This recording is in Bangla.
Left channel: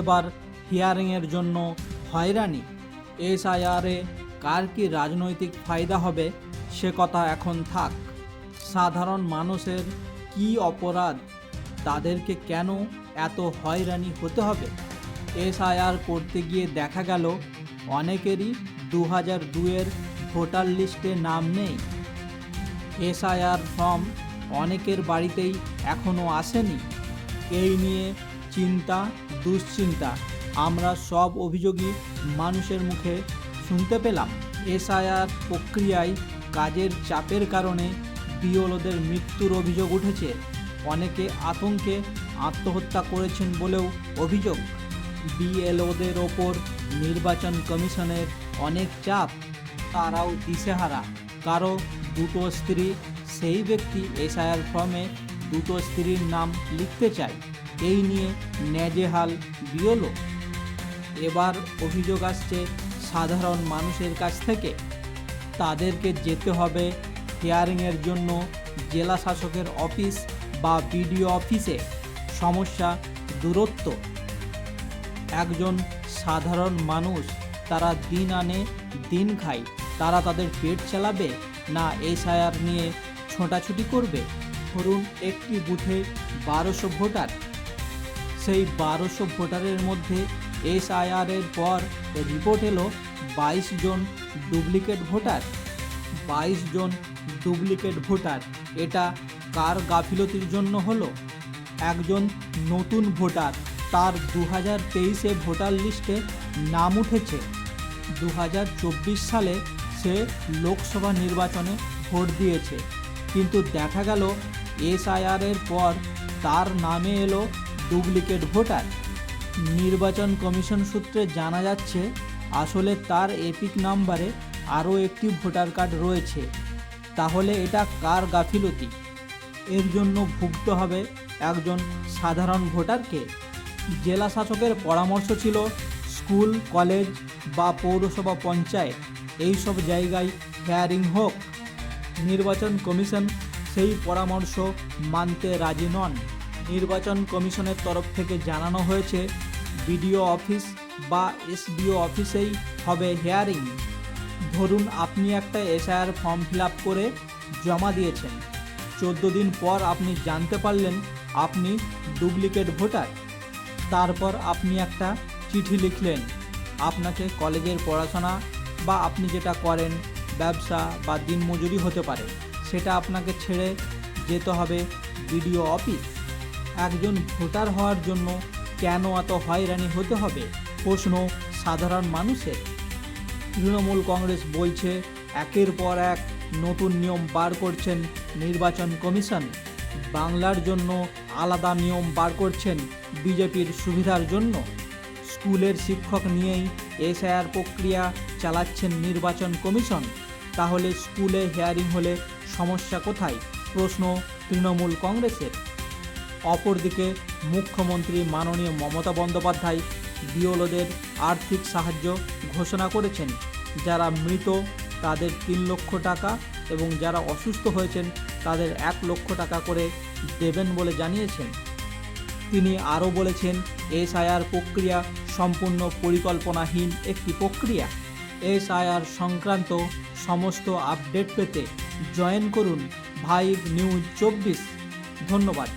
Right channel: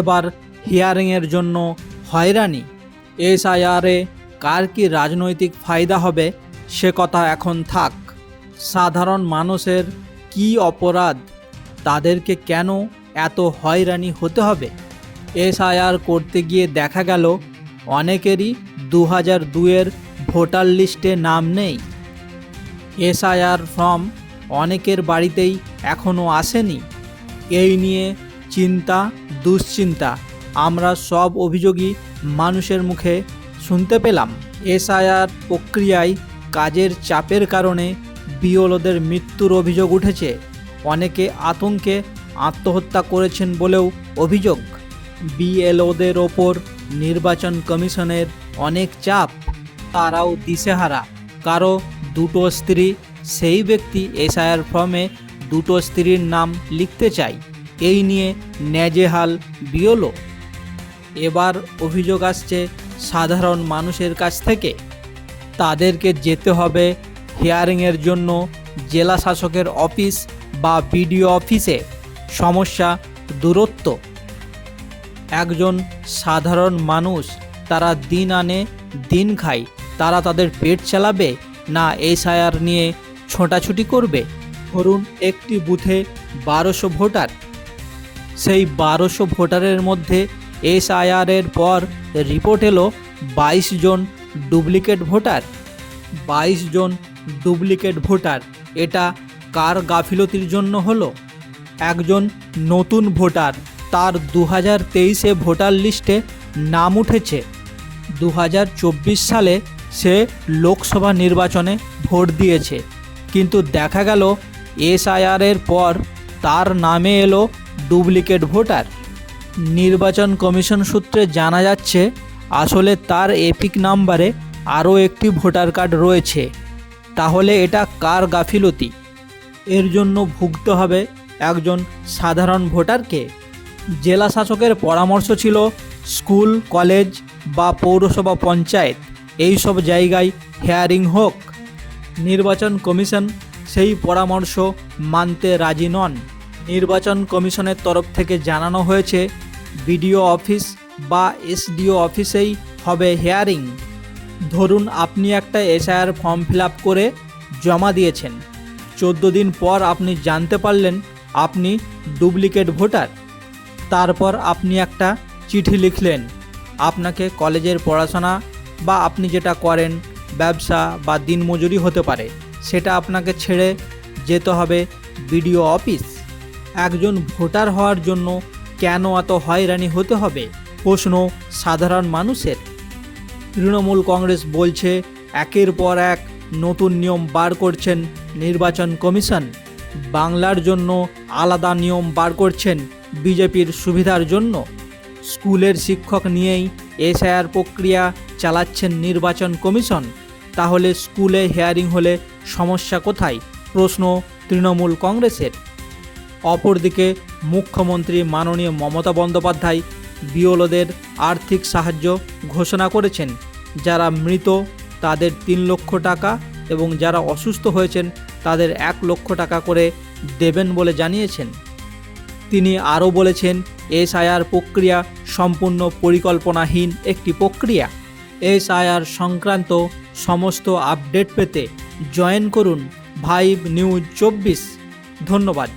এবার হিয়ারিংয়ের জন্য হয়রানি। এসআইআরে কার কি রাজনৈতিক ফায়দা হবে সে কথা এখন থাক। সাধারণ মানুষের কি অপরাধ, তাদেরকে কেন এত হয়রানি হতে হবে? এসআইআর করতে গিয়ে দেখা গেল অনেকেরই 2002-এর ভোটার লিস্টে নাম নেই। এসআইআর ফর্ম অনেকের বাড়িতেই এখনও আসেনি। এই নিয়ে চিন্তা দুশ্চিন্তা আমরা সব অভিযোগই মানুষের মুখে শুনতে পেলাম। এসআইআর প্রক্রিয়ায় কাজের চাপের কারণে বিএলওদের মৃত্যুর অভিযোগ উঠেছে। অনেকে আতঙ্কে আত্মহত্যা করেছেন বলেও অভিযোগ। বিএলওদের ওপর নির্বাচন কমিশনের অনেক চাপ, তারাও দিশেহারা। কারো দুটো স্ত্রী, সেই ব্যক্তি এসআইআর ফর্মে দুটো স্ত্রীর নাম লিখতে চায়। এই নিয়ে নেজেহাল বিএলও। এবার অভিযোগ আসছে সাধারণ মানুষের কাছ থেকে। তাদেরকে যেতে হবে হিয়ারিংয়ের জন্য জেলা শাসকের অফিস বা বিডিও অফিসে। সমস্যা দূরত্ব। একজন সাধারণ মানুষ, তারা দিন আনে দিন খায়, তারা তাদের পেট চালাবে না এসআইআর নিয়ে ছোটাছুটি করবে? ধরুন একটি বুথে 1200 ভোটার, সেই 1200 ভোটারের মধ্যে এসআইআরের পর রিপোর্ট এলো 22 জন ডুপ্লিকেট ভোটার। 22 জন ডুপ্লিকেট ভোটার, এটা কার গাফিলতির জন্য হলো? একজন নতুন ভোটার, তার 2023-এ ভোটার লিস্টে নাম উঠেছে। 2024 সালে সে লোকসভা নির্বাচনে ভোট দিয়েছে, কিন্তু দেখা গেল এসআইআরের পর তার নামে এলো ডুপ্লিকেট ভোটার। নির্বাচন কমিশন সূত্রে জানা যাচ্ছে আসলে তার এপিক নাম্বারে আরও একটি ভোটার কার্ড রয়েছে। তাহলে এটা কার গাফিলতি? এর জন্য ভুগতে হবে একজন সাধারণ ভোটারকে। জেলা শাসকের পরামর্শ ছিল স্কুল, কলেজ বা পৌরসভা, পঞ্চায়েত এই সব জায়গায় হিয়ারিং হোক। নির্বাচন কমিশন সেই পরামর্শ মানতে রাজি নন। নির্বাচন কমিশনের তরফ থেকে জানানো হয়েছে বিডিও অফিস বা এসডিও অফিসেই হবে হিয়ারিং। ধরুন আপনি একটা এসআইআর ফর্ম ফিল আপ করে জমা দিয়েছেন, 14 দিন পর আপনি জানতে পারলেন আপনি ডুপ্লিকেট ভোটার। তারপর আপনি একটা চিঠি লিখলেন। আপনাকে কলেজের পড়াশোনা বা আপনি যেটা করেন, ব্যবসা বা দিনমজুরি হতে পারে, সেটা আপনাকে ছেড়ে যেতে হবে বিডিও অফিস। একজন ভোটার হওয়ার জন্য কেন এত হয়রানি হতে হবে? প্রশ্ন সাধারণ মানুষের। তৃণমূল কংগ্রেস বলছে একের পর এক নতুন নিয়ম বার করছেন নির্বাচন কমিশন। বাংলার জন্য আলাদা নিয়ম বার করছেন বিজেপির সুবিধার জন্য। স্কুলের শিক্ষক নিয়েই এসআইআর প্রক্রিয়া চালাচ্ছেন নির্বাচন কমিশন। তাহলে স্কুলে হিয়ারিং হলে সমস্যা কোথায়? প্রশ্ন তৃণমূল কংগ্রেসের। অপরদিকে মুখ্যমন্ত্রী মাননীয় মমতা বন্দ্যোপাধ্যায় বিএলওদের আর্থিক সাহায্য ঘোষণা করেছেন। যারা মৃত তাদের 3 লক্ষ টাকা এবং যারা অসুস্থ হয়েছেন তাদের 1 লক্ষ টাকা করে দেবেন বলে জানিয়েছেন। তিনি আরও বলেছেন এসআইআর প্রক্রিয়া সম্পূর্ণ পরিকল্পনাহীন একটি প্রক্রিয়া। এসআইআর সংক্রান্ত সমস্ত আপডেট পেতে জয়েন করুন ভাইব নিউজ 24। ধন্যবাদ।